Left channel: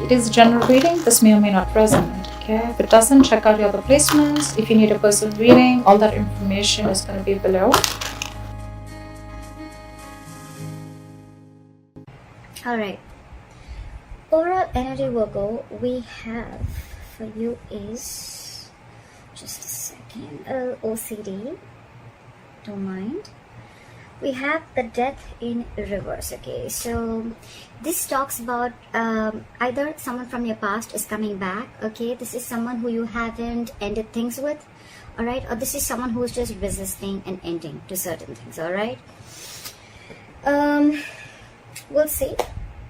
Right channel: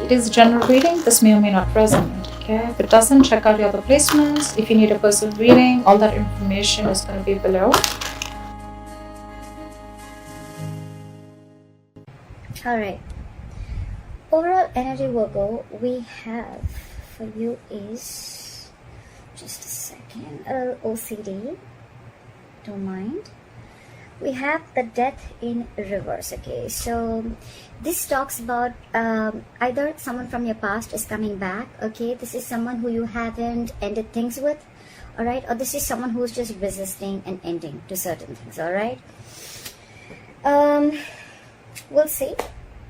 It is a general reading. This may or may not resonate. Okay, if it doesn't, check out your other placements. If you need a personal reading, all that information is going to be below. Alright, overall energy Virgo we have for you is, just a second, OCD, don't mind. We have the Death in reverse. Okay, so this talks about either someone from your past is coming back. Okay, this is someone who you haven't ended things with, all right, or this is someone who's just resisting and ending to certain things. All right, we'll see.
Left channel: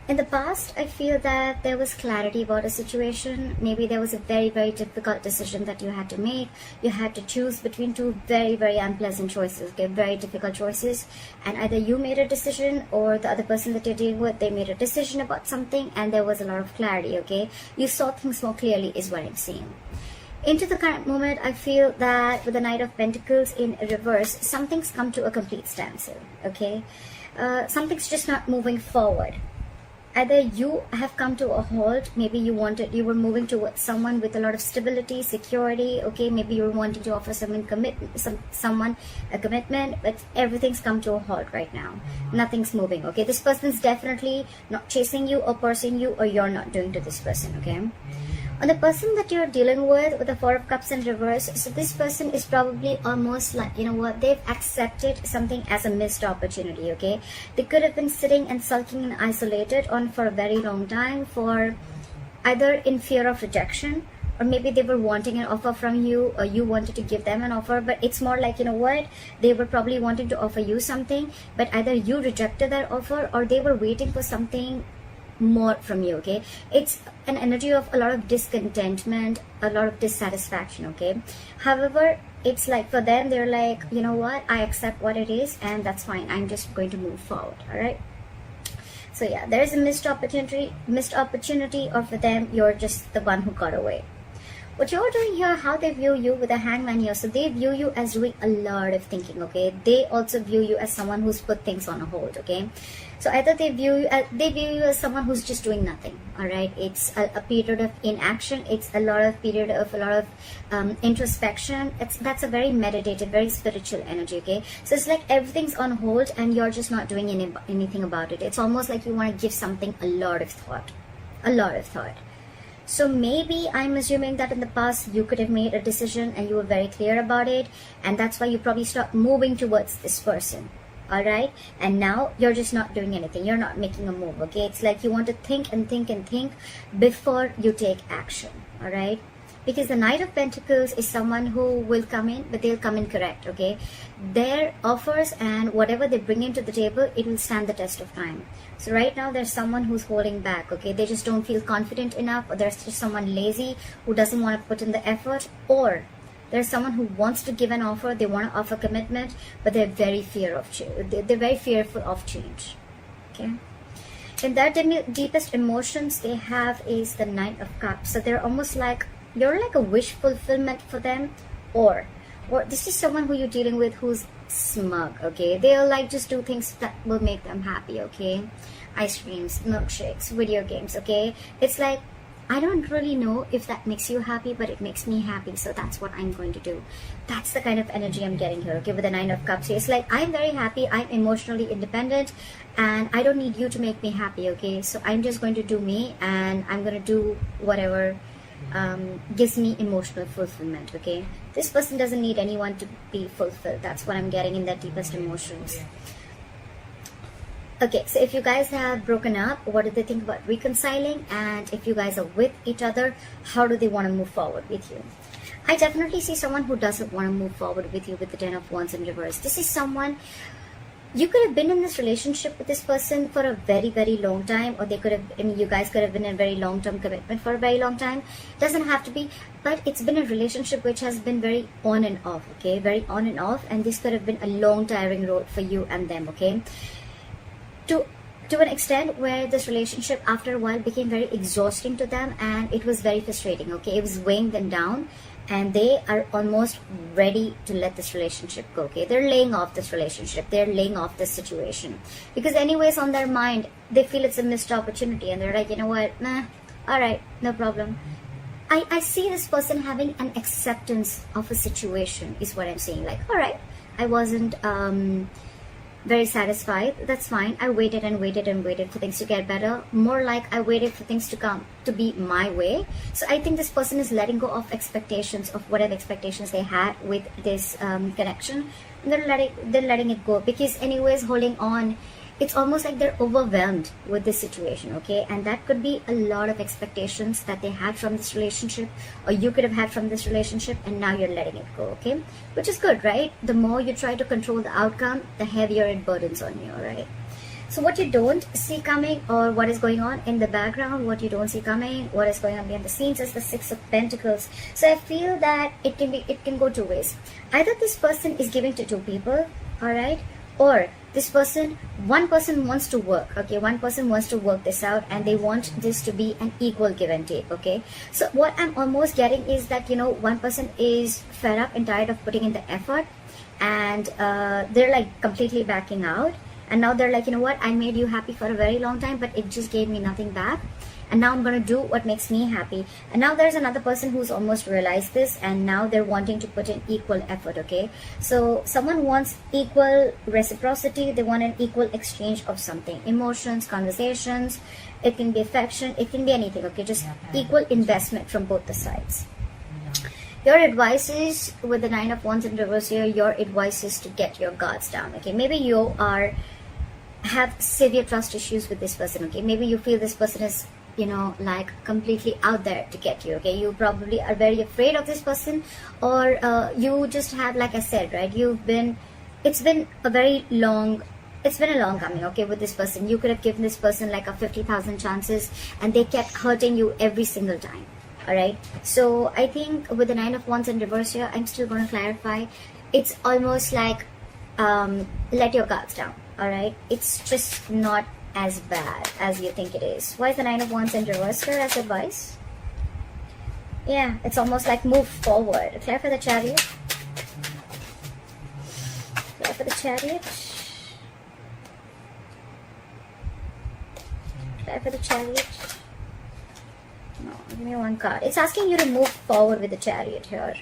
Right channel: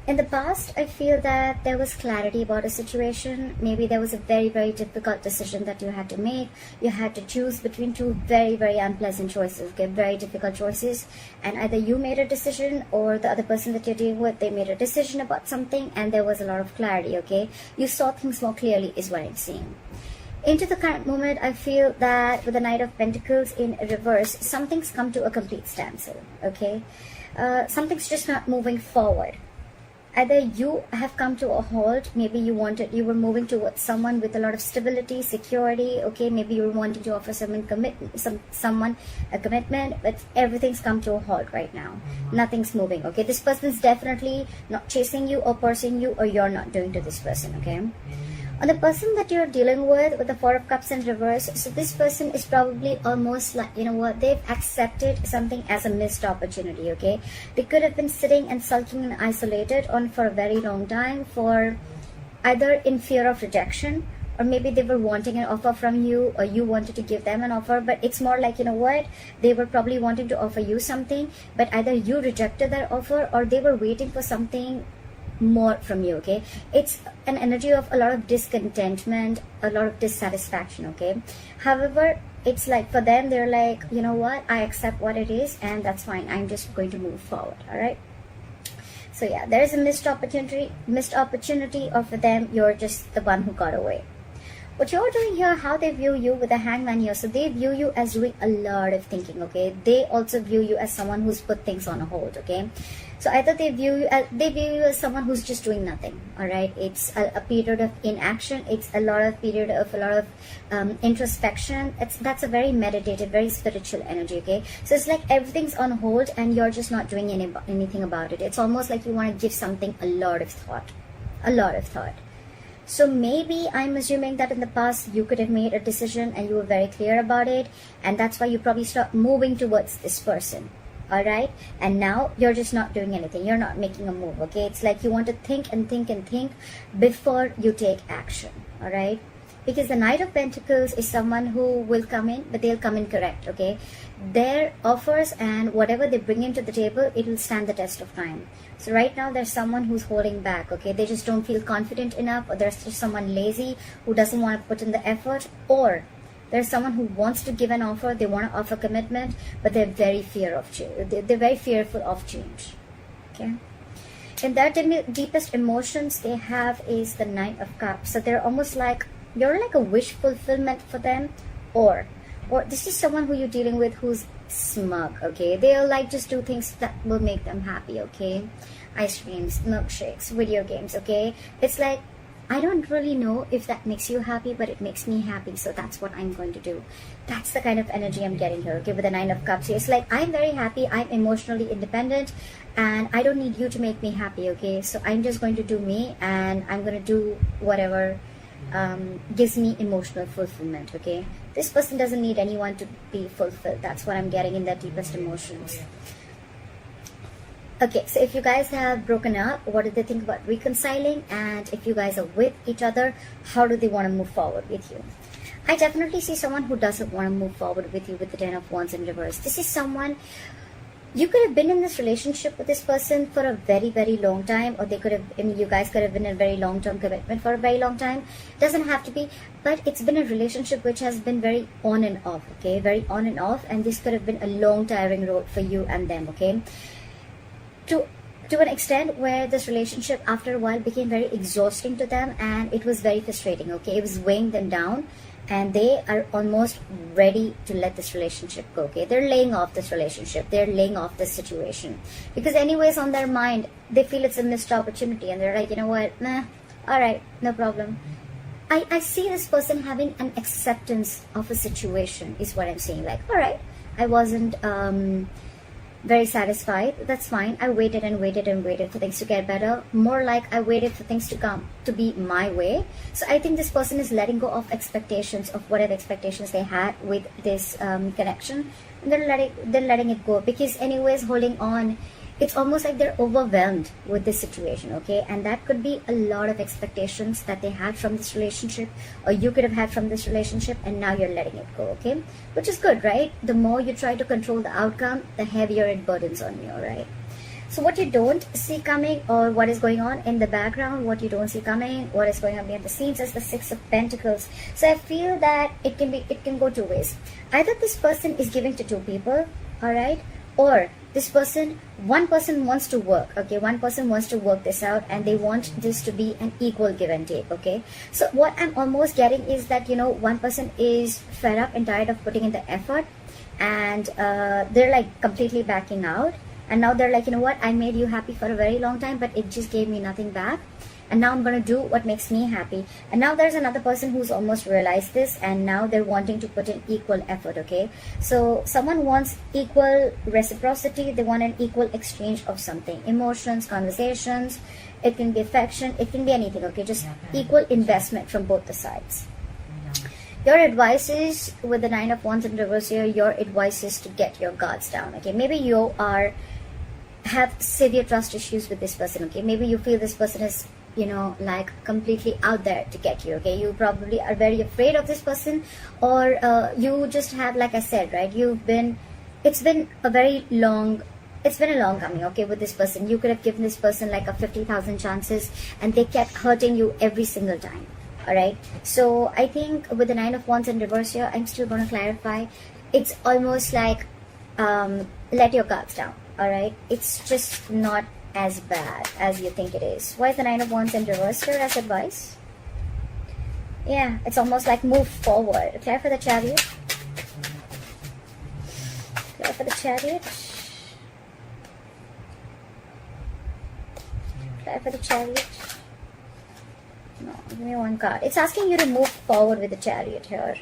In the past, I feel that there was clarity about a situation. Maybe there was a very, very difficult decision that you had to make. You had to choose between two very, very unpleasant choices, okay? Very difficult choices. And either you made a decision or the other person that you're dealing with, they made a decision about something and there was a lot of clarity, okay? You saw things more clearly is what I'm seeing. Into the current moment, I feel that with the Knight of Pentacles in reverse, something's come to a complete standstill, okay? Something's just not moving forward. Either you have come to a halt, maybe you were moving towards someone with a lot of stability, security, okay, maybe you were wanting to offer someone a commitment, but everything's come to a halt right now. Nothing's moving, okay? This person is definitely not chasing you or pursuing you, or you're not doing to this person, okay? On the person that you're dealing with the Four of Cups in reverse, so this person is probably almost like, you know what, they've accepted something as a missed opportunity, okay? They could have been sitting and sulking and isolated on for a very long time, for either in fear of rejection, or maybe they were wanting an offer from you, or you wanted to give them an offer, but it's more like, you know what, they were probably wanting to offer you something, but either you rejected their offer or they were waiting for something more from you, okay? It's an energy of a lot of discontentment, a lot of dissatisfaction, okay? However, it's like for them, they're like, you know what, I accept what it is and that's fine, I'm just going to move forward. All right, so yeah, there's a missed opportunity, or for them, you're just the one who got away. What you're doing here, how they view you with the Hangman here, so they view you as doing a lot of thinking, okay? They also view you as someone who's put things on hold, okay? So either they view you as someone who's just doing nothing, all right? It's a period of inaction. It's a lot of introspection. That's a very meditative, very spiritual energy, okay? So it's like everything's on hold and you're just not doing anything about it. It's almost like you want to give something a lot of thought. So maybe I'm assuming that in the past you could have made a decision and you were very clear about it, and that's why you probably start moving towards this person, all right? And now you're just not doing anything. You're not making a move, okay? It's like you want to think and think and think before you take action, all right? Because the Knight of Pentacles is someone who will come in, but they'll come in correct, okay? Their offers and whatever they bring into the table, it will stand the test of time. So right now, there's someone who's holding back, okay? They just don't feel confident enough, or there's just someone lazy who doesn't want to put in the effort, or there's someone who wants to give an offer, they want to offer commitment, but they're very they're very fearful of change, okay? And their deepest emotions they have is the Knight of Cups. So they're almost like, you're like a wish fulfillment for them, or this is someone who you're dealing with who's smug, okay? They'll like just do things that will make them happy, okay? Ice creams, milkshakes, video games, okay? It's like, I don't really know if that makes you happy, but it makes me happy, so that's what I'm going to do. That's the kind of energy I'm getting here, okay, with the Nine of Cups. It's like, I'm very happy, I'm emotionally independent, and I don't need you to make me happy, okay? So I'm just going to do me, and I'm going to do whatever gives me emotional fulfillment, okay? This person doesn't need anyone to be fulfilled. That's what I'm getting in their deepest emotions. Okay, so if you guys have broken up, what do they think about reconciling? And if you guys are with each other, how do they want to move forward with you? I definitely see someone who doesn't want to move forward with you with the Ten of Wands in reverse. This is someone, you could have been in this relationship with this person for a very, very long time, or you guys could have been in a very long-term commitment for a very long time. Doesn't have to be, but it's been a relationship which has been very on and off, okay? Very on and off, and this could have been a long, tiring road for you and them, okay? To an extent where this relationship after a while became very exhausting to them, and it was very frustrating, okay? It was weighing them down, and they are almost ready to let this relationship go, okay? They're laying off this relationship, they're laying off this situation, because anyways on their mind they feel it's a missed opportunity, and they're like, you know what, nah, All right, no problem. I see this person having an acceptance of a situation is what I'm saying. Like, all right, I wasn't very satisfied. That's fine. I waited and waited and waited for things to get better. More like I waited for things to come to be my way. So I think this person is letting go of expectations of whatever expectations they had with this connection. Then letting it go, because anyways holding on, it's almost like they're overwhelmed with this situation, okay? And that could be a lot of expectations that they had from this relationship, or you could have had from this relationship, and now you're letting it go, okay? Which is good, right? The more you try to control the outcome, the heavier it burdens on you, right? So what you don't see coming, or what is going on in the background, what you don't see coming, what is going on behind the scenes, is the Six of Pentacles. So I feel that it can go two ways. Either this person is giving to two people, all right? Or this person, one person wants to work, okay? One person wants to work this out, and they want this to be an equal give and take, okay? So what I'm almost getting is that, you know, one person is fed up and tired of putting in the effort, and they're like completely backing out. And now they're like, you know what, I made you happy for a very long time, but it just gave me nothing back. And now I'm going to do what makes me happy. And now there's another person who's almost realized this, and now they're wanting to put in equal effort, okay? So someone wants equal reciprocity. They want an equal exchange of something. Emotions, conversations, it can be affection, it can be anything, okay? Just equal investment from both the sides. Your advice is, with the Nine of Wands in reverse here, your advice is to get your guards down, okay? Maybe you have severe trust issues with this person, okay? Maybe you feel this person is, you know, like completely out there to get you, okay? You probably are very afraid of this person, or you just have, like I said, right, it's been a long coming, okay, with this person. You could have given this person like a 50,000 chances, and they kept hurting you every single time, all right? So I think with the Nine of Wands in reverse here, I'm still going to clarify. It's almost like let your guards down, all right? It's just not as bad as you think it is. Why is the Nine of Wands in reverse here as advice? Yeah, it's almost like move forward. Clear for the Chariot. Clear for the Chariot. Clear for the Chariot. No, give me one card. It's asking you to move forward with the Chariot here.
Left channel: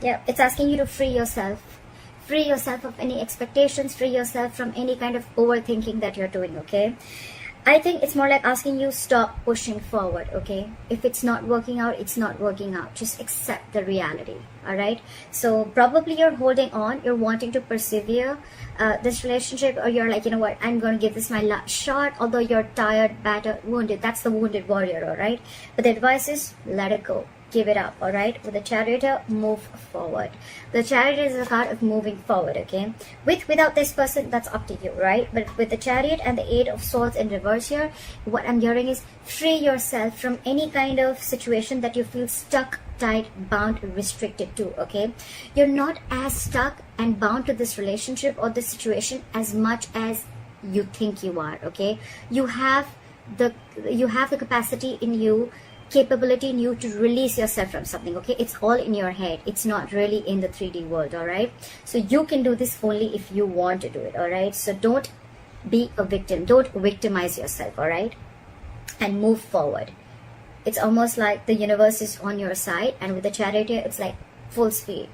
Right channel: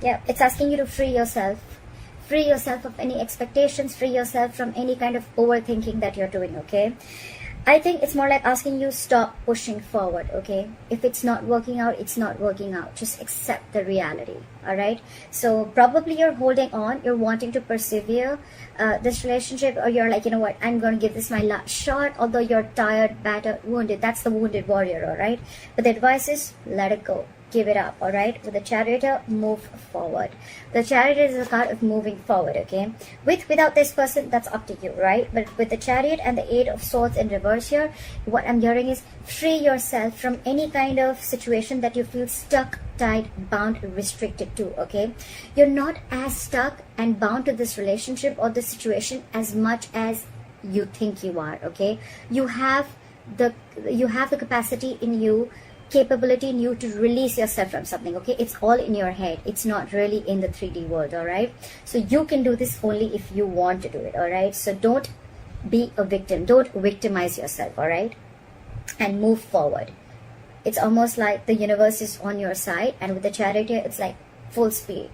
Yeah, it's asking you to free yourself. Free yourself of any expectations, free yourself from any kind of overthinking that you're doing, okay? I think it's more like asking you stop pushing forward, okay? If it's not working out, it's not working out. Just accept the reality, all right? So probably you're holding on, you're wanting to persevere this relationship, or you're like, you know what, I'm going to give this my last shot, although you're tired, battered, wounded. That's the wounded warrior, all right? But the advice is let it go. Give it up, all right? With the Chariot, move forward. The Chariot is a card of moving forward, okay? Without this person, that's up to you, right? But with the Chariot and the Eight of Swords in reverse here, what I'm hearing is free yourself from any kind of situation that you feel stuck, tied, bound, restricted to, okay? You're not as stuck and bound to this relationship or this situation as much as you think you are, okay? You have the capacity in you, capability in you to release yourself from something, okay? It's all in your head. It's not really in the 3D world, all right? So you can do this only if you want to do it, all right? So don't be a victim. Don't victimize yourself, all right? And move forward. It's almost like the universe is on your side, and with the Chariot, it's like full speed.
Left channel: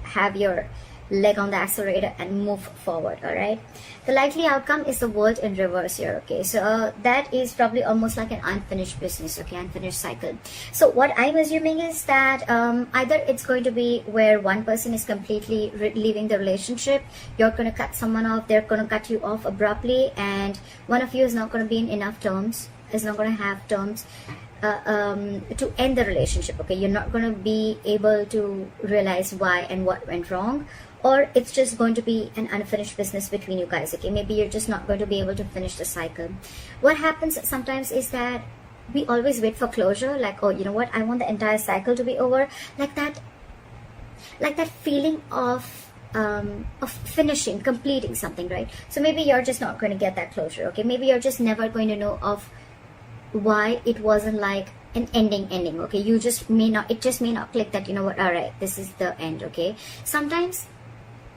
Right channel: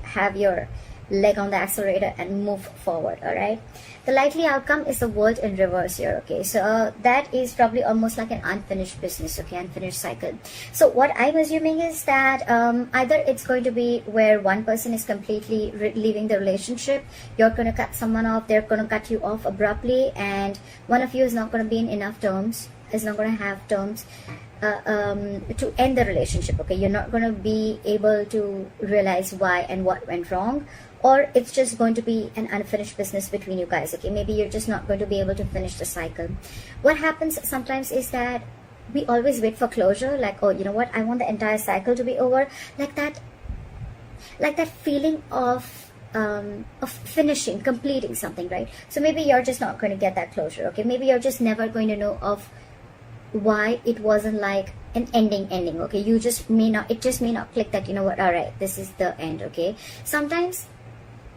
Have your leg on the accelerator and move forward, all right? The likely outcome is the World in reverse here, okay? So that is probably almost like an unfinished business, okay? Unfinished cycle. So what I'm assuming is that either it's going to be where one person is completely leaving the relationship, you're going to cut someone off, they're going to cut you off abruptly, and one of you is not going to be in enough terms, is not going to have terms to end the relationship, okay? You're not going to be able to realize why and what went wrong, or it's just going to be an unfinished business between you guys, okay? Maybe you're just not going to be able to finish the cycle. What happens sometimes is that we always wait for closure, like, oh, you know what, I want the entire cycle to be over, like that feeling of finishing, completing something, right? So maybe you're just not going to get that closure, okay? Maybe you're just never going to know of why it wasn't like an ending, okay? It just may not click that, you know what, all right, this is the end, okay? Sometimes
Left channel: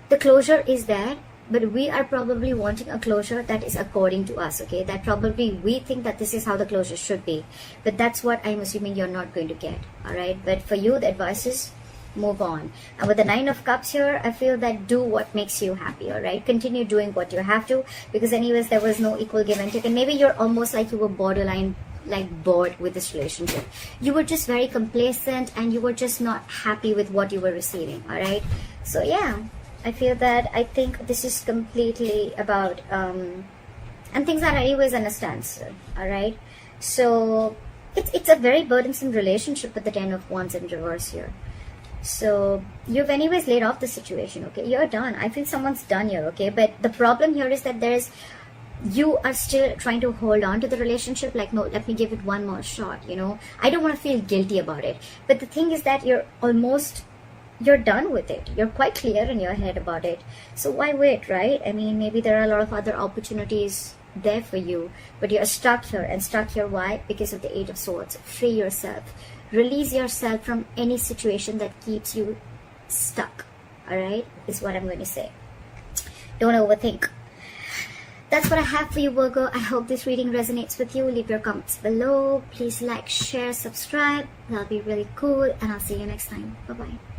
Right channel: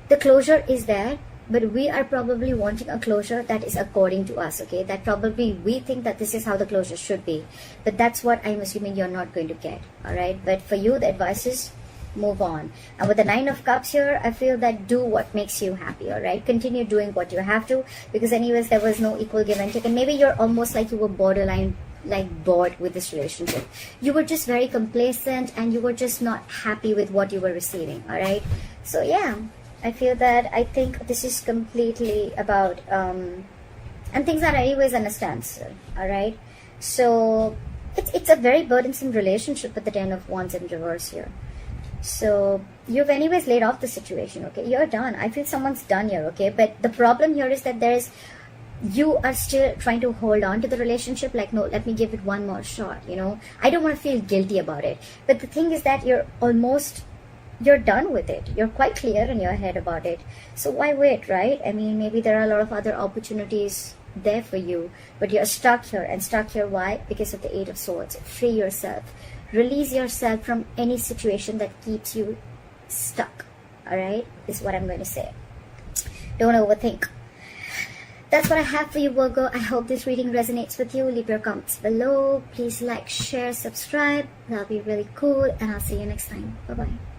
the closure is there, but we are probably wanting a closure that is according to us, okay? That probably we think that this is how the closure should be, but that's what I'm assuming you're not going to get. All right, but for you, the advice is move on. And with the Nine of Cups here, I feel that do what makes you happy. All right, continue doing what you have to, because anyways there was no equal give and take, and maybe you're almost like you were borderline like bored with this relationship. You were just very complacent and you were just not happy with what you were receiving. All right, so yeah, I feel that I think this is completely about and things are anyways on a standstill. All right, so it's a very burdensome relationship with the Ten of Wands in reverse here. So you've anyways laid off the situation, okay? You're done. I feel someone's done here, okay? But the problem here is that you are still trying to hold on to the relationship, like, no, let me give it one more shot, you know? I don't want to feel guilty about it. But the thing is that you're done with it. You're quite clear in your head about it. So why wait, right? I mean, maybe there are a lot of other opportunities there for you, but you're stuck here. And stuck here, why? Because of the Eight of Swords. Free yourself. Release yourself from any situation that keeps you stuck. All right, is what I'm going to say. Don't overthink. That's what I have for you, Virgo. I hope this reading resonates with you. Leave your comments below. Please like, share, subscribe. That'll be really cool. And I'll see you next time. Bye-bye.